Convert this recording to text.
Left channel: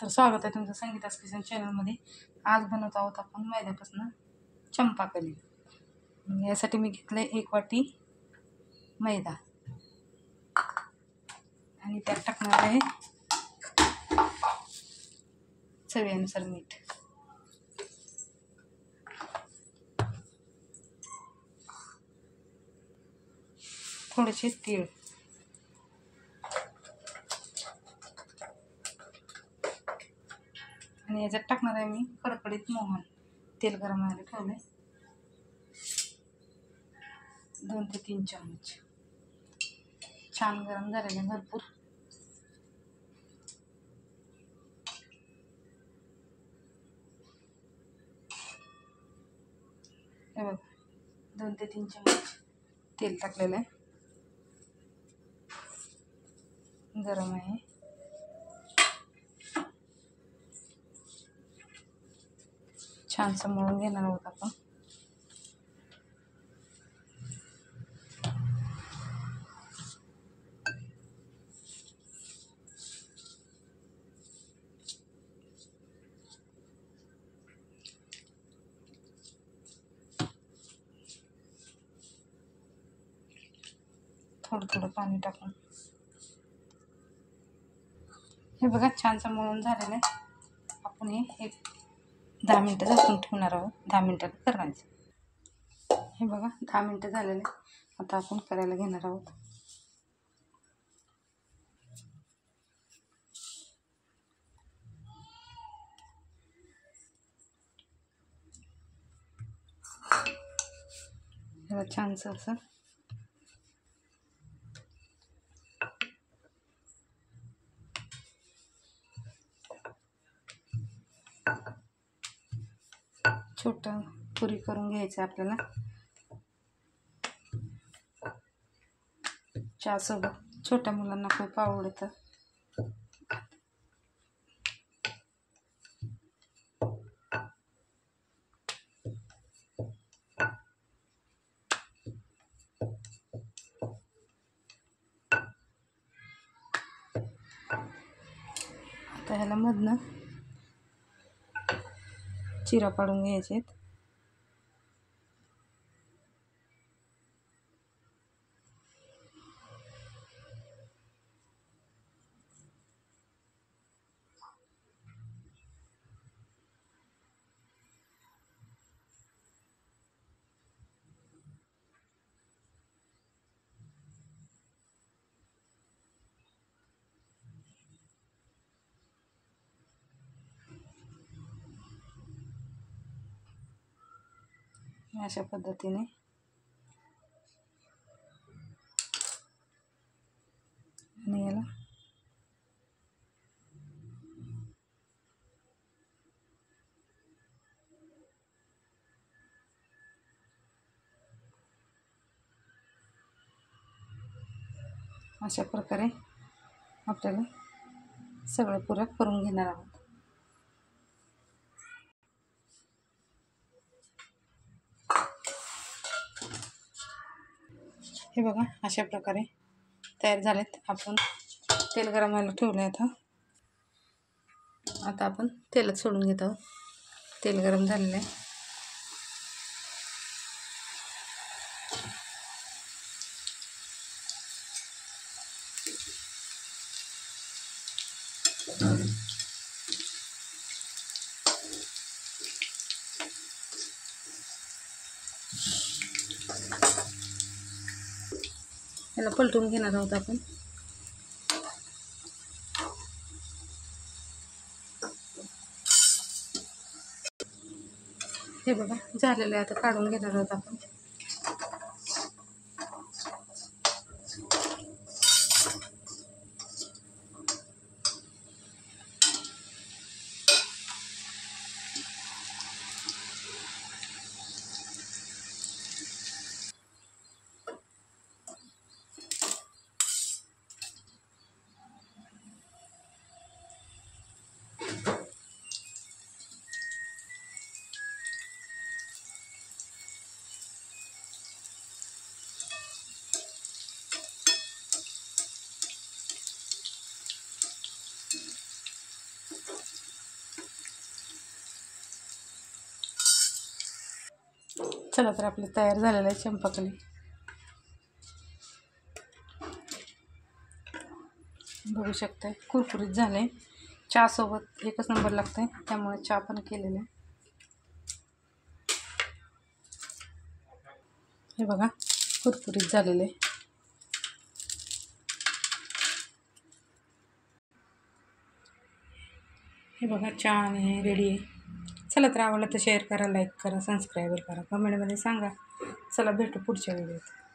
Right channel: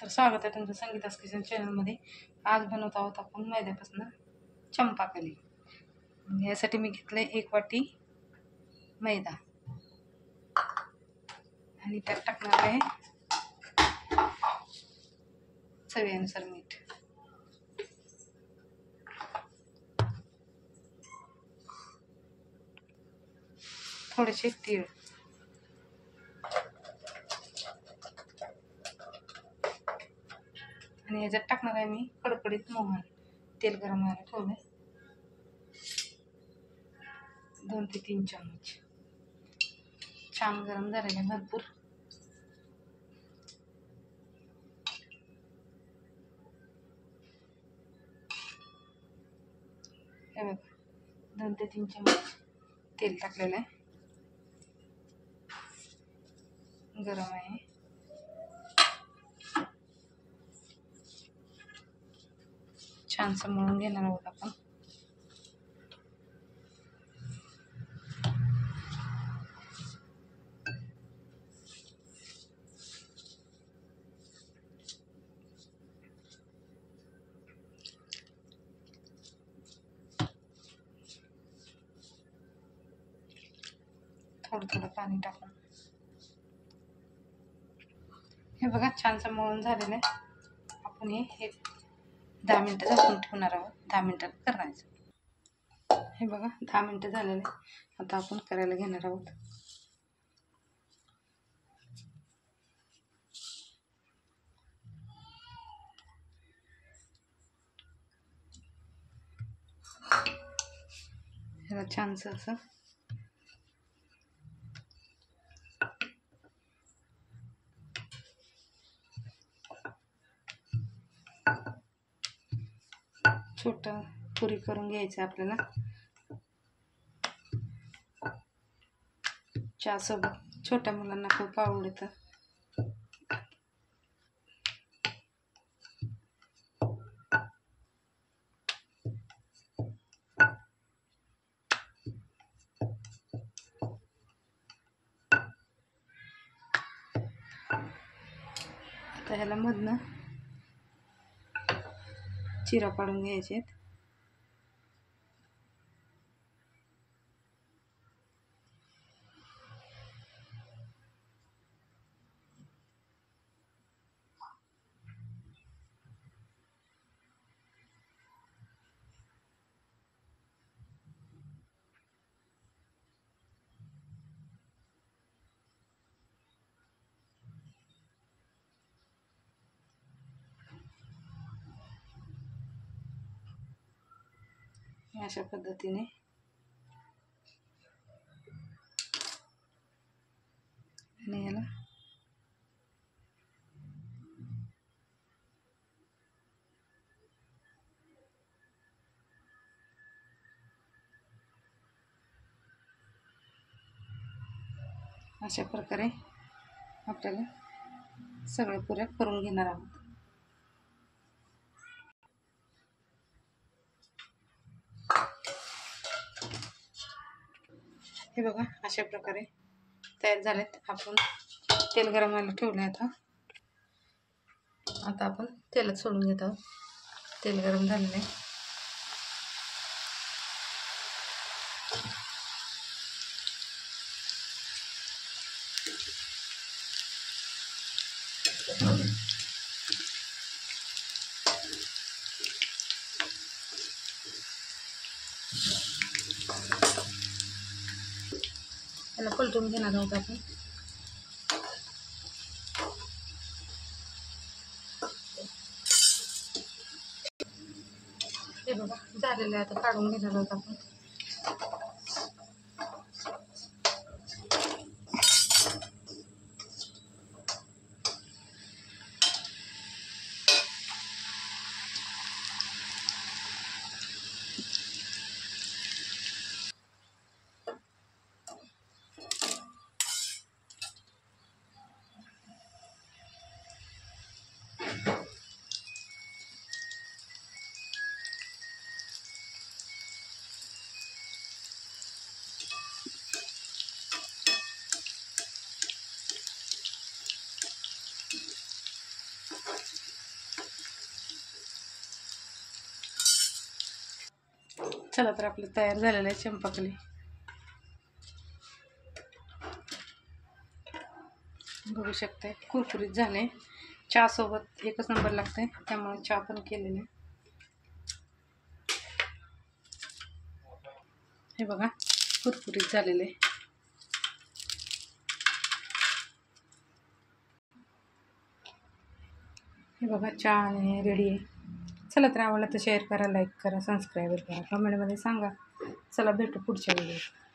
तर स्वागत आहे तुमचं संगीता's किचन चॅनलमध्ये। आज बनवत आहोत आपण मैद्यापासून चंपाकली। यासाठी मी घेतले 1 वाटी मैदा आणि त्यात टाकणार आहे चवीनुसार मीठ, थोडेसे तीळ आणि याच्यात टाकणार आहे मी कडकडीत मोहन। तेल गरम व्हायला ठेवले 2 ते 3 चमच। छान गरम झालेले भरपूर। हे बघा 2 ते 3 चमच तेल टाकलेलं आहे, गरम आहे। छानसं मळून घेणार आहोत आपण। थोडं थोडं पाणी टाकून हे बघा छानसं मळून झालेलं आहे। आपण हे 10 मिनिटं झाकून ठेवणार आहोत। 10 मिनिटात करायचं। हे बघा 10 मिनिटं झालेले। आता आपण करायला घेणार आहोत। ह्याला छानसं असं छोटं पुरी करून घ्यायचं आपल्याला। चहासोबत छोट्या मुलांना खूप आवडतं। आता ह्याला मधनं चिरा पाडून घ्यायचे। अशा पद्धतीने आणि याला अशा प्रकारे आपल्याला सगळ्या पुऱ्या करून घेणार आहोत। हे बघा अशा प्रकारे तयार झालेत। आपण तेल गरम व्हायला ठेवले। आता आपण तेलात सोडून घेत आहोत। तेल गरम झालेलं आहे। याला पलटून घेणार आहोत आपण। हे बघा झालेलं आहे। आता काढून घेणार आहोत आपण। चला तर आपलं तयार झालेलं आहे चंपाकली. बघू शकते कुरकुरीत झाले. चहासोबत एकच नंबर लागते, त्यामुळे चहा पण केलेला आहे. हे बघा कुरकुरीत झालेले. हे बघा चहा आणि रेडी आहे. चला तर आवडलं तर शेअर करा, लाईक करा, सबस्क्राईब करा, कमेंटमध्ये सांगा. चला भेटू पुढच्या व्हिडिओत.